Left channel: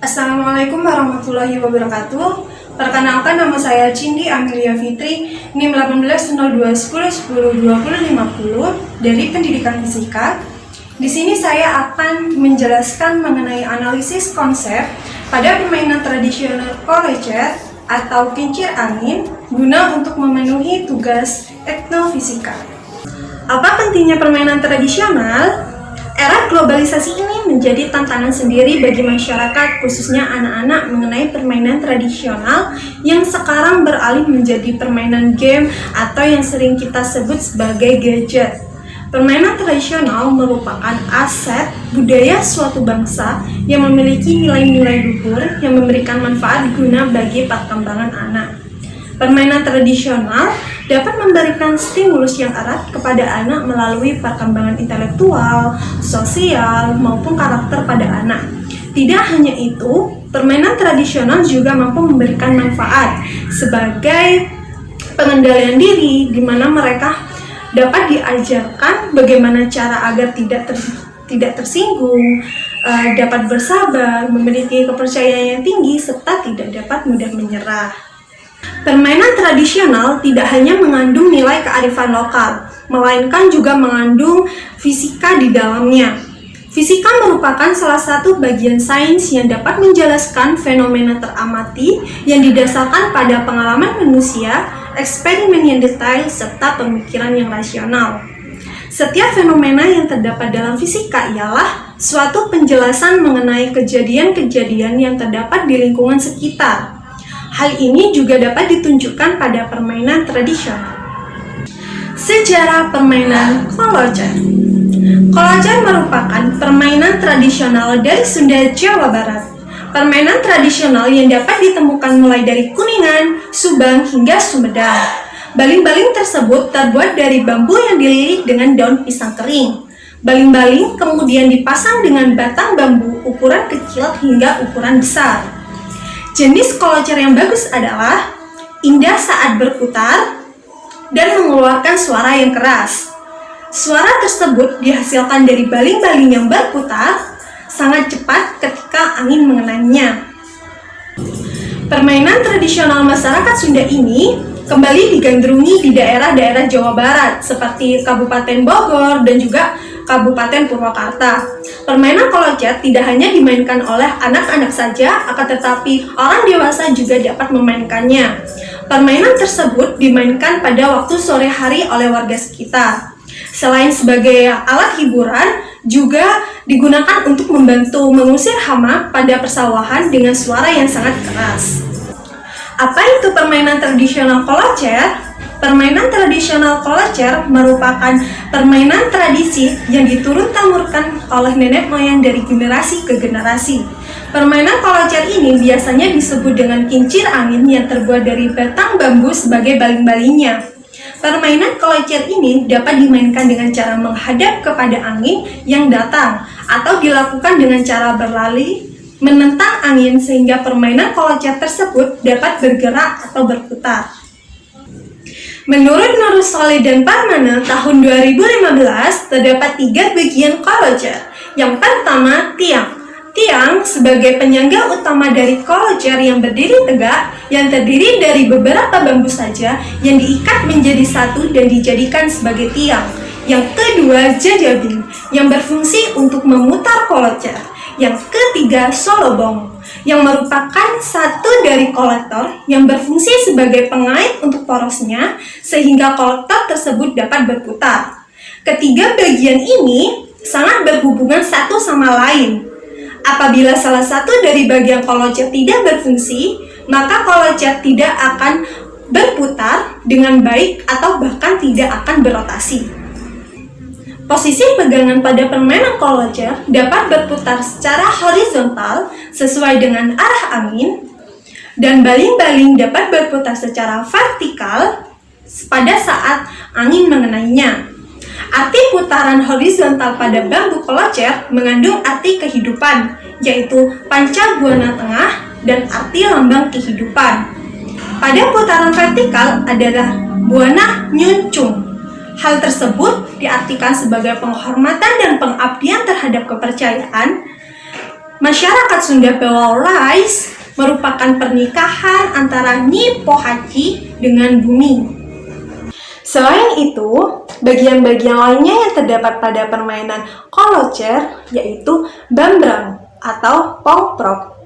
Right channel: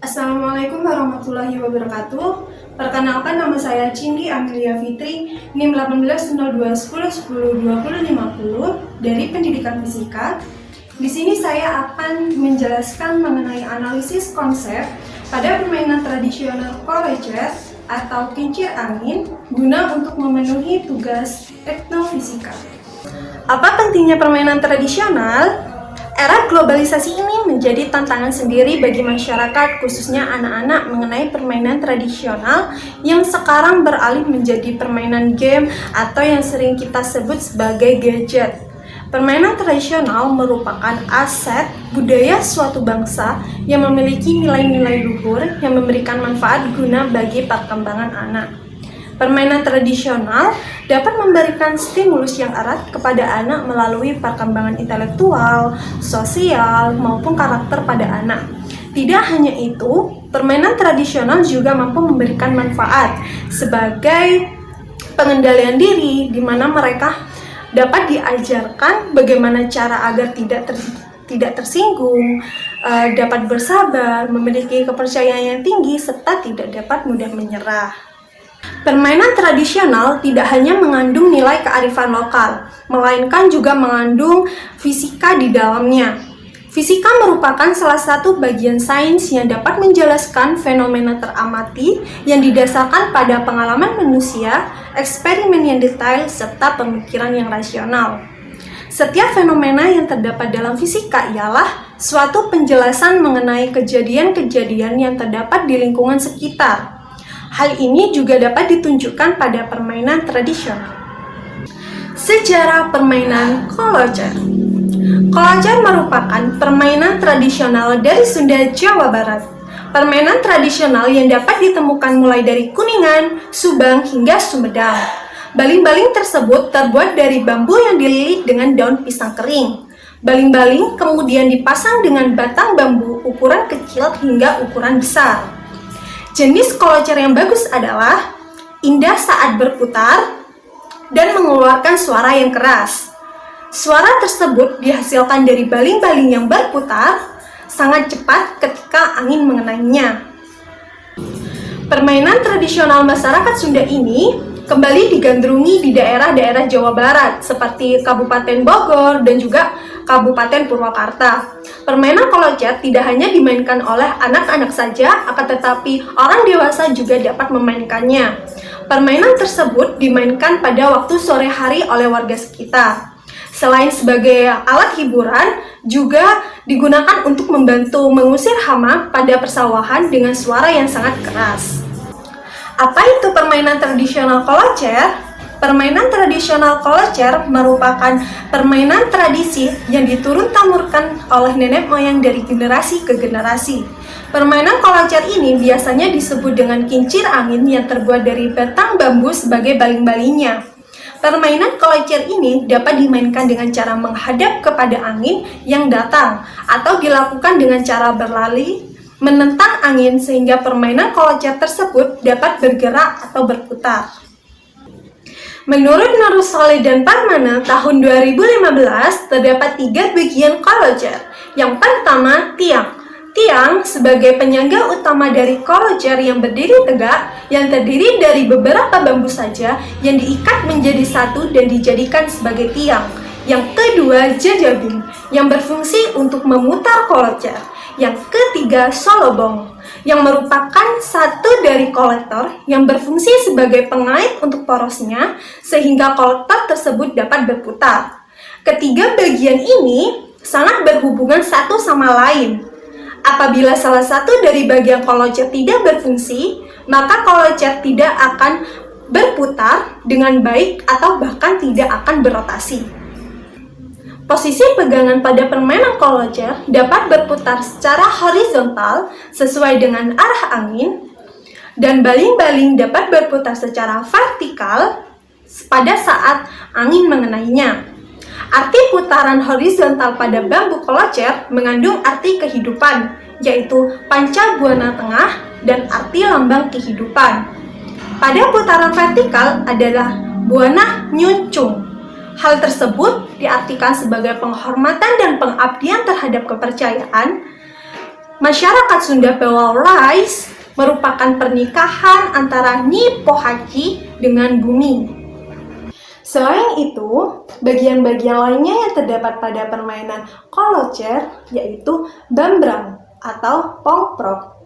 Assalamualaikum warahmatullahi wabarakatuh. Perkenalkan, nama saya Cindy Amelia Fitri, NIM 180210102050 dari Pendidikan Fisika. Di sini saya akan menjelaskan mengenai analisis konsep pada permainan tradisional Colleger atau kincir angin guna untuk memenuhi tugas teknofisika. Apa pentingnya permainan tradisional? Era globalisasi ini menjadi tantangan sendiri bagi masyarakat, khususnya anak-anak, mengenai permainan tradisional yang sekarang beralih menjadi permainan game atau yang sering kita sebut sebagai gadget. Permainan tradisional merupakan aset budaya suatu bangsa yang memiliki nilai-nilai luhur yang memberikan manfaat guna bagi perkembangan anak. Permainan tradisional dapat memberikan stimulus yang erat kepada anak melalui perkembangan intelektual, sosial, maupun karakter pada anak. Tidak hanya itu, permainan tradisional juga mampu memberikan manfaat sebagai pengendalian diri, di mana mereka dapat diajarkan bagaimana cara agar tidak tersinggung, dapat bersabar, memiliki kepercayaan yang tinggi, serta tidak dapat mudah menyerah. Permainan tradisional tidak hanya mengandung nilai kearifan lokal, melainkan juga mengandung fisika di dalamnya. Fisika merupakan salah satu bagian sains yang dapat menjelaskan fenomena teramati yang didasarkan pada pengalaman manusia, eksperimen yang detail, serta pemikiran yang rasional. Setiap fenomena yang terdapat dalam fisika ialah suatu penjelasan mengenai kejadian-kejadian yang terdapat di lingkungan sekitar. Hal ini juga dapat ditunjukkan pada permainan tradisional. Sejarah permainan Colleger. Colleger merupakan permainan tradisional dari Sunda, Jawa Barat. Permainan tradisional yang dapat ditemukan mulai dari Kuningan, Subang, hingga Sumedang. Baling-baling tersebut terbuat dari bambu yang dililit dengan daun pisang kering. Baling-baling kemudian dipasang dengan batang bambu ukuran kecil hingga ukuran besar. Jenis Colleger yang bagus adalah indah saat berputar dan mengeluarkan suara yang keras. Suara tersebut dihasilkan dari baling-baling yang berputar sangat cepat ketika angin mengenainya. Permainan tradisional masyarakat Sunda ini kembali digandrungi di daerah-daerah Jawa Barat seperti Kabupaten Bogor dan juga Kabupaten Purwakarta. Permainan Colleger tidak hanya dimainkan oleh anak-anak saja, akan tetapi orang dewasa juga dapat memainkannya. Permainan tersebut dimainkan pada waktu sore hari oleh warga sekitar. Selain sebagai alat hiburan, juga digunakan untuk membantu mengusir hama pada persawahan dengan suara yang sangat keras. Apa itu permainan tradisional Colleger? Permainan tradisional Colleger merupakan permainan tradisi yang diturun-temurunkan oleh nenek moyang dari generasi ke generasi. Permainan Colleger ini biasanya disebut dengan kincir angin yang terbuat dari batang bambu sebagai baling-balingnya. Permainan Colleger ini dapat dimainkan dengan cara menghadap kepada angin yang datang atau dilakukan dengan cara berlari menentang angin sehingga permainan Colleger tersebut dapat bergerak atau berputar. Menurut Nur Solih dan Parmana tahun 2015 terdapat 3 bagian Colleger. Yang pertama, tiang. Tiang sebagai penyangga utama dari Colleger yang berdiri tegak, yang terdiri dari beberapa bambu saja yang diikat menjadi satu dan dijadikan sebagai tiang. Yang kedua, jajabing yang berfungsi untuk memutar Colleger. Yang ketiga, solobong yang merupakan satu dari kolektor yang berfungsi sebagai pengait untuk porosnya sehingga kolektor tersebut dapat berputar. Ketiga bagian ini sangat berhubungan satu sama lain. Apabila salah satu dari bagian Colleger tidak berfungsi, maka Colleger tidak akan berputar dengan baik atau bahkan tidak akan berotasi. Posisi pegangan pada permainan Colleger dapat berputar secara horizontal sesuai dengan arah angin, dan baling-baling dapat berputar secara vertikal pada saat angin mengenainya. Arti putaran horizontal pada bambu Colleger mengandung arti kehidupan, yaitu panca buana tengah dan arti lambang kehidupan. Pada putaran vertikal adalah buana nyuncung. Hal tersebut diartikan sebagai penghormatan dan pengabdian terhadap kepercayaan Masyarakat Sunda Bawalais merupakan pernikahan antara Nyi Pohaci dengan Bumi. Selain itu, bagian-bagian lainnya yang terdapat pada permainan kolocer yaitu bambrang atau pongprok.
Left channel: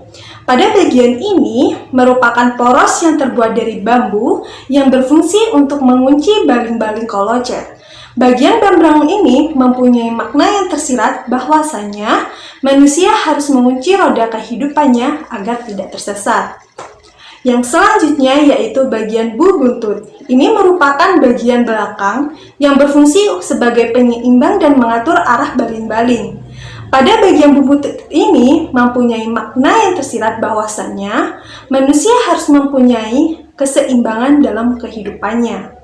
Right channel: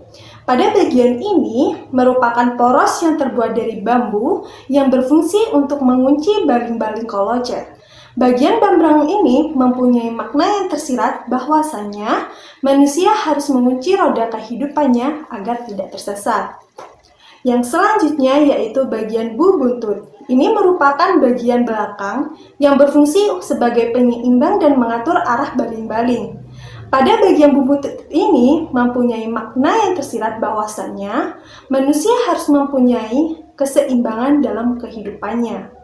Pada bagian ini merupakan poros yang terbuat dari bambu yang berfungsi untuk mengunci baling-baling kolocer. Bagian bambrang ini mempunyai makna yang tersirat bahwasanya manusia harus mengunci roda kehidupannya agar tidak tersesat. Yang selanjutnya yaitu bagian bubuntut. Ini merupakan bagian belakang yang berfungsi sebagai penyeimbang dan mengatur arah baling-baling. Pada bagian bubuntut ini mempunyai makna yang tersirat bahwasannya manusia harus mempunyai keseimbangan dalam kehidupannya.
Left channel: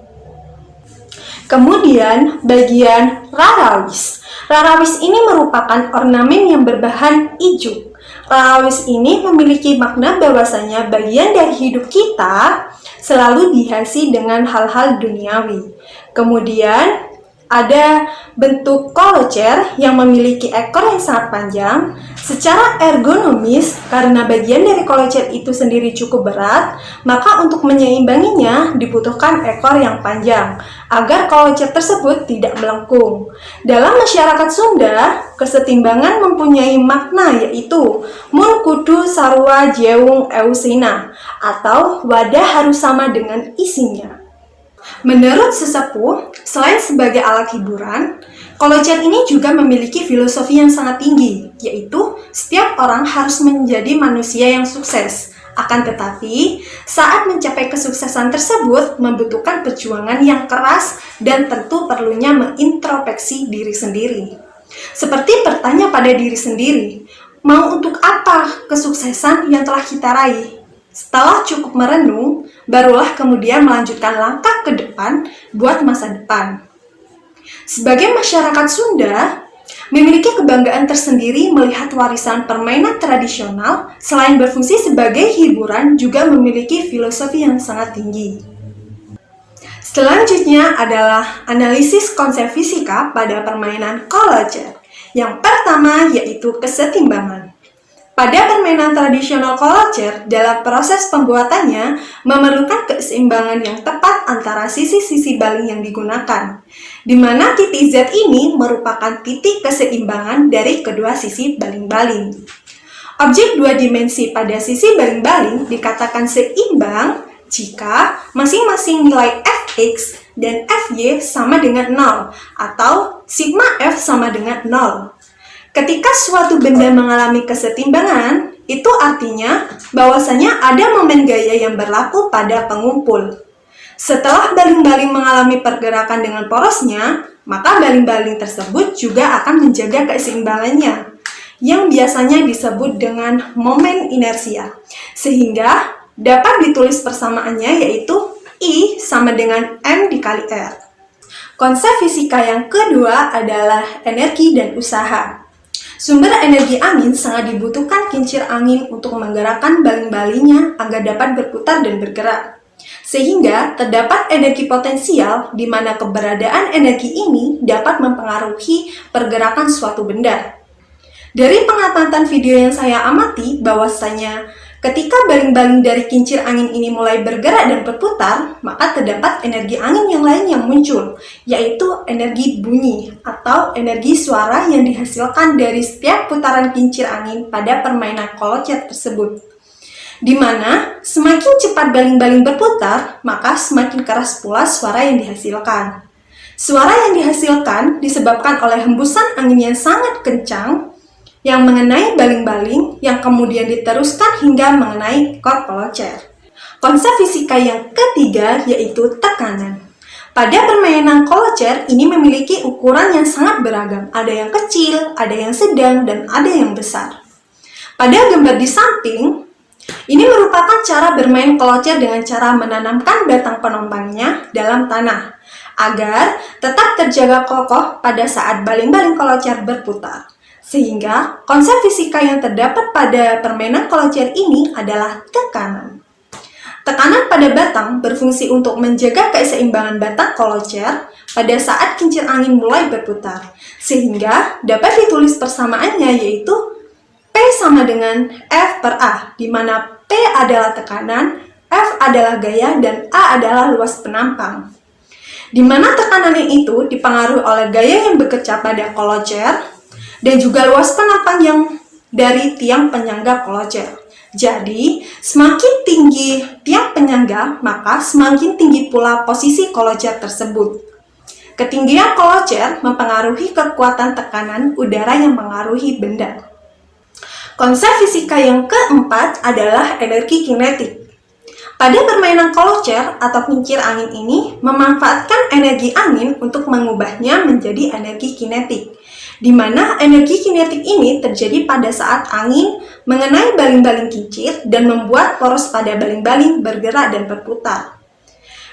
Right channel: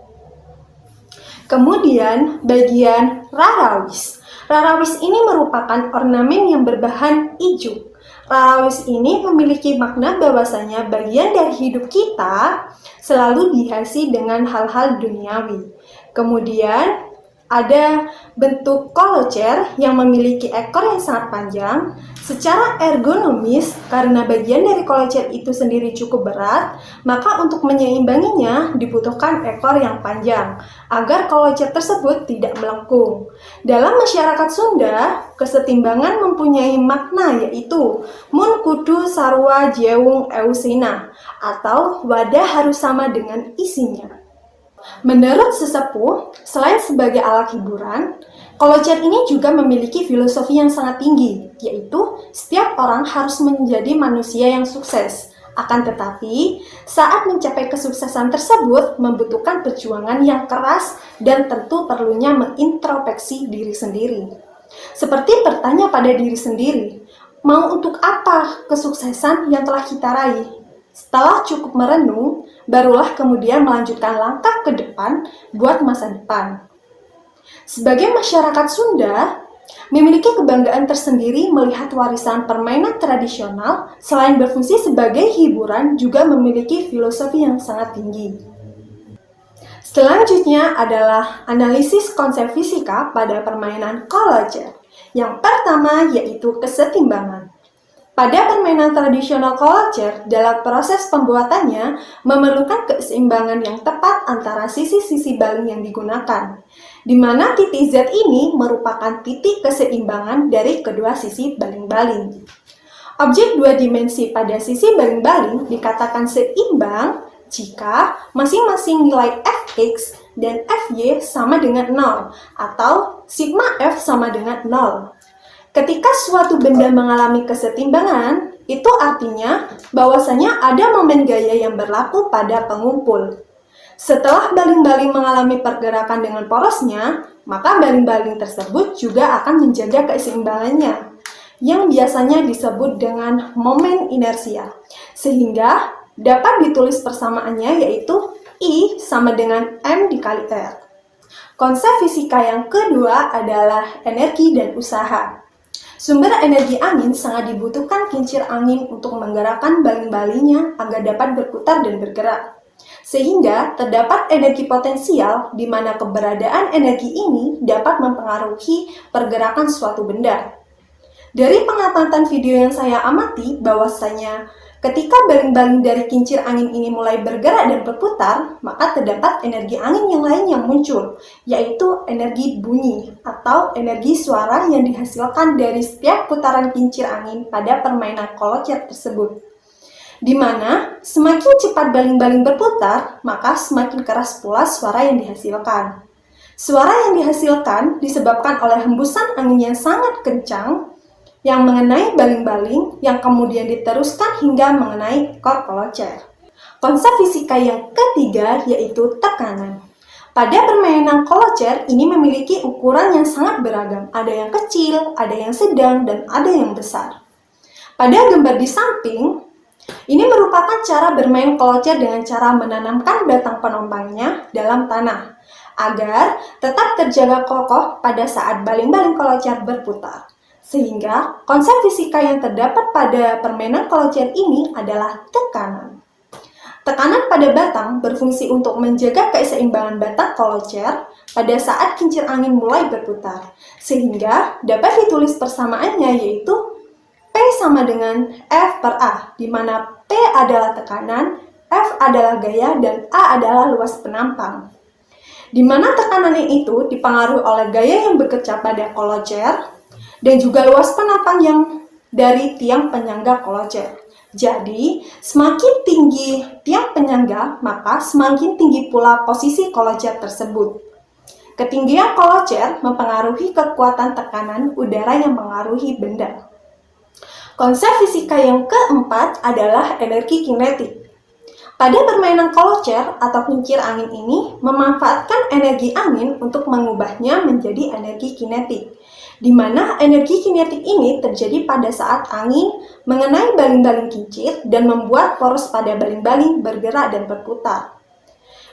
Kemudian bagian rarawis. Rarawis ini merupakan ornamen yang berbahan ijuk. Rarawis ini memiliki makna bahwasanya bagian dari hidup kita selalu dihiasi dengan hal-hal duniawi. Kemudian ada bentuk kolocer yang memiliki ekor yang sangat panjang. Secara ergonomis, karena bagian dari kolocer itu sendiri cukup berat, maka untuk menyeimbanginya dibutuhkan ekor yang panjang agar kolocer tersebut tidak melengkung. Dalam masyarakat Sunda, kesetimbangan mempunyai makna yaitu mun kudu sarua jeung eusina atau wadah harus sama dengan isinya. Menurut sesepuh, selain sebagai alat hiburan, kolocer ini juga memiliki filosofi yang sangat tinggi, yaitu setiap orang harus menjadi manusia yang sukses. Akan tetapi, saat mencapai kesuksesan tersebut membutuhkan perjuangan yang keras dan tentu perlunya mengintrospeksi diri sendiri. Seperti bertanya pada diri sendiri, mau untuk apa kesuksesan yang telah kita raih? Setelah cukup merenung, barulah kemudian melanjutkan langkah ke depan buat masa depan. Sebagai masyarakat Sunda, memiliki kebanggaan tersendiri melihat warisan permainan tradisional selain berfungsi sebagai hiburan juga memiliki filosofi yang sangat tinggi. Selanjutnya adalah analisis konsep fisika pada permainan kolocer. Yang pertama yaitu kesetimbangan. Pada permainan tradisional kolocer, dalam proses pembuatannya memerlukan keseimbangan yang tepat antara sisi-sisi baling yang digunakan, di mana titik Z ini merupakan titik keseimbangan dari kedua sisi baling-baling. Objek dua dimensi pada sisi baling-baling dikatakan seimbang jika masing-masing nilai fx dan fy sama dengan 0 atau sigma f sama dengan 0. Ketika suatu benda mengalami kesetimbangan, itu artinya bahwasanya ada momen gaya yang berlaku pada pengumpul. Setelah baling-baling mengalami pergerakan dengan porosnya, maka baling-baling tersebut juga akan menjaga keseimbangannya, yang biasanya disebut dengan momen inersia. Sehingga dapat ditulis persamaannya yaitu I sama dengan M dikali R. Konsep fisika yang kedua adalah energi dan usaha. Sumber energi angin sangat dibutuhkan kincir angin untuk menggerakkan baling-balingnya agar dapat berputar dan bergerak. Sehingga terdapat energi potensial di mana keberadaan energi ini dapat mempengaruhi pergerakan suatu benda. Dari pengamatan video yang saya amati bahwasanya ketika baling-baling dari kincir angin ini mulai bergerak dan berputar, maka terdapat energi angin yang lain yang muncul, yaitu energi bunyi atau energi suara yang dihasilkan dari setiap putaran kincir angin pada permainan kolocer tersebut. Di mana semakin cepat baling-baling berputar, maka semakin keras pula suara yang dihasilkan. Suara yang dihasilkan disebabkan oleh hembusan angin yang sangat kencang yang mengenai baling-baling yang kemudian diteruskan hingga mengenai ekor kolocer. Konsep fisika yang ketiga yaitu tekanan. Pada permainan kolocer ini memiliki ukuran yang sangat beragam. Ada yang kecil, ada yang sedang, dan ada yang besar. Pada gambar di samping, ini merupakan cara bermain kolocer dengan cara menanamkan batang penopangnya dalam tanah agar tetap terjaga kokoh pada saat baling-baling kolocer berputar. Sehingga konsep fisika yang terdapat pada permainan kolocer ini adalah tekanan. Tekanan pada batang berfungsi untuk menjaga keseimbangan batang kolocer pada saat kincir angin mulai berputar. Sehingga dapat ditulis persamaannya yaitu P sama dengan F per A, di mana P adalah tekanan, F adalah gaya, dan A adalah luas penampang. Di mana tekanannya itu dipengaruhi oleh gaya yang bekerja pada kolocer dan juga luas penampang yang dari tiang penyangga kolocer. Jadi, semakin tinggi tiang penyangga, maka semakin tinggi pula posisi kolocer tersebut. Ketinggian kolocer mempengaruhi kekuatan tekanan udara yang mengaruhi benda. Konsep fisika yang keempat adalah energi kinetik. Pada permainan kolocer atau kincir angin ini memanfaatkan energi angin untuk mengubahnya menjadi energi kinetik, di mana energi kinetik ini terjadi pada saat angin mengenai baling-baling kincir dan membuat poros pada baling-baling bergerak dan berputar.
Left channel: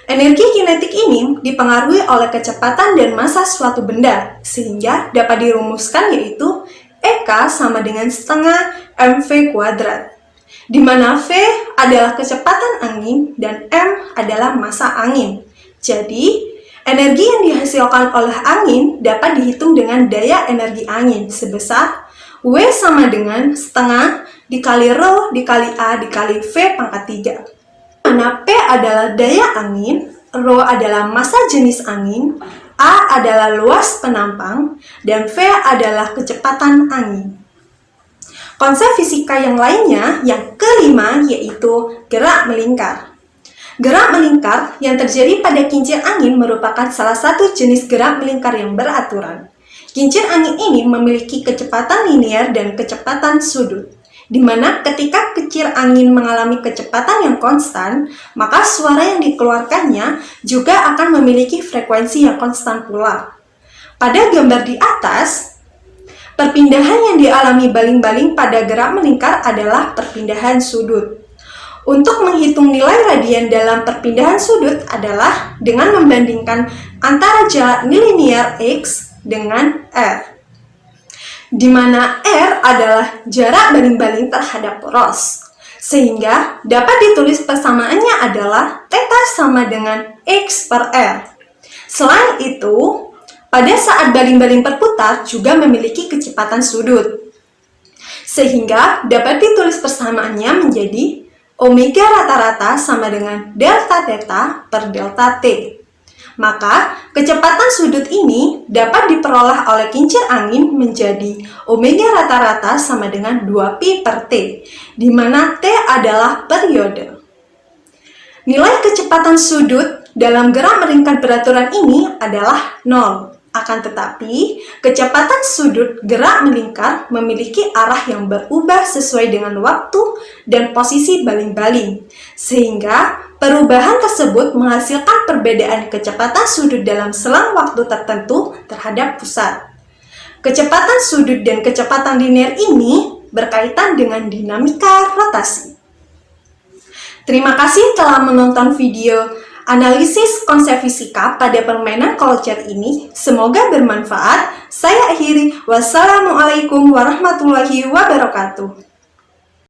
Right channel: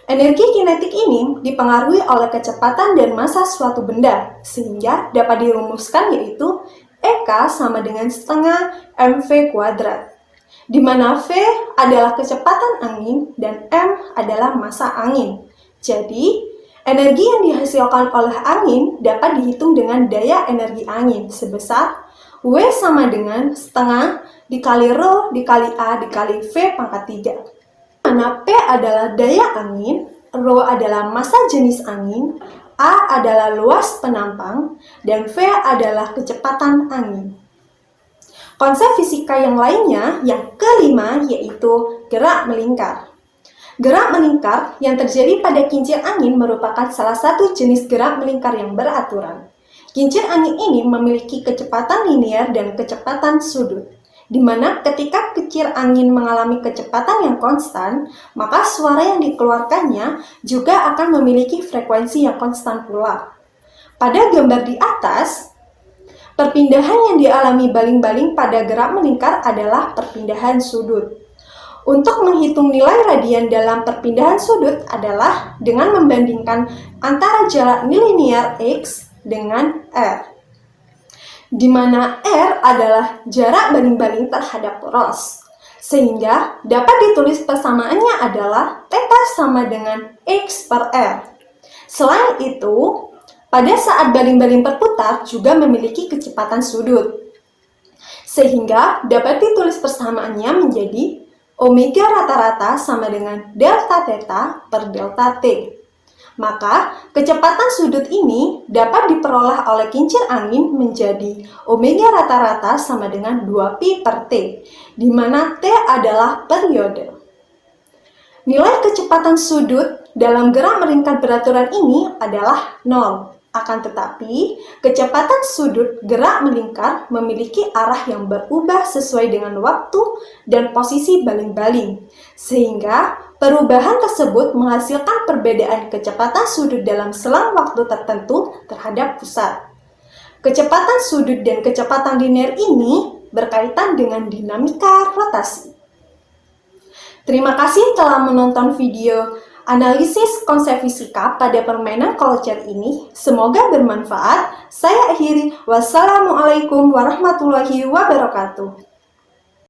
Energi kinetik ini dipengaruhi oleh kecepatan dan massa suatu benda, sehingga dapat dirumuskan yaitu EK sama dengan setengah mv kuadrat, di mana V adalah kecepatan angin dan M adalah massa angin. Jadi, energi yang dihasilkan oleh angin dapat dihitung dengan daya energi angin sebesar W sama dengan setengah dikali Rho dikali A dikali V pangkat 3. Mana P adalah daya angin, Rho adalah massa jenis angin, A adalah luas penampang, dan V adalah kecepatan angin. Konsep fisika yang lainnya, yang kelima, yaitu gerak melingkar. Gerak melingkar yang terjadi pada kincir angin merupakan salah satu jenis gerak melingkar yang beraturan. Kincir angin ini memiliki kecepatan linear dan kecepatan sudut, di mana ketika kincir angin mengalami kecepatan yang konstan, maka suara yang dikeluarkannya juga akan memiliki frekuensi yang konstan pula. Pada gambar di atas, perpindahan yang dialami baling-baling pada gerak melingkar adalah perpindahan sudut. Untuk menghitung nilai radian dalam perpindahan sudut adalah dengan membandingkan antara jarak nilinier X dengan R, di mana R adalah jarak baling-baling terhadap poros, sehingga dapat ditulis persamaannya adalah theta sama dengan X per R. Selain itu, pada saat baling-baling berputar juga memiliki kecepatan sudut, sehingga dapat ditulis persamaannya menjadi omega rata-rata sama dengan delta theta per delta T. Maka, kecepatan sudut ini dapat diperoleh oleh kincir angin menjadi omega rata-rata sama dengan 2pi per T, di mana T adalah periode. Nilai kecepatan sudut dalam gerak melingkar beraturan ini adalah 0. Akan tetapi, kecepatan sudut gerak melingkar memiliki arah yang berubah sesuai dengan waktu dan posisi baling-baling, sehingga perubahan tersebut menghasilkan perbedaan kecepatan sudut dalam selang waktu tertentu terhadap pusat. Kecepatan sudut dan kecepatan linear ini berkaitan dengan dinamika rotasi. Terima kasih telah menonton video analisis konsep fisika pada permainan kolocer ini. Semoga bermanfaat. Saya akhiri. Wassalamualaikum warahmatullahi wabarakatuh.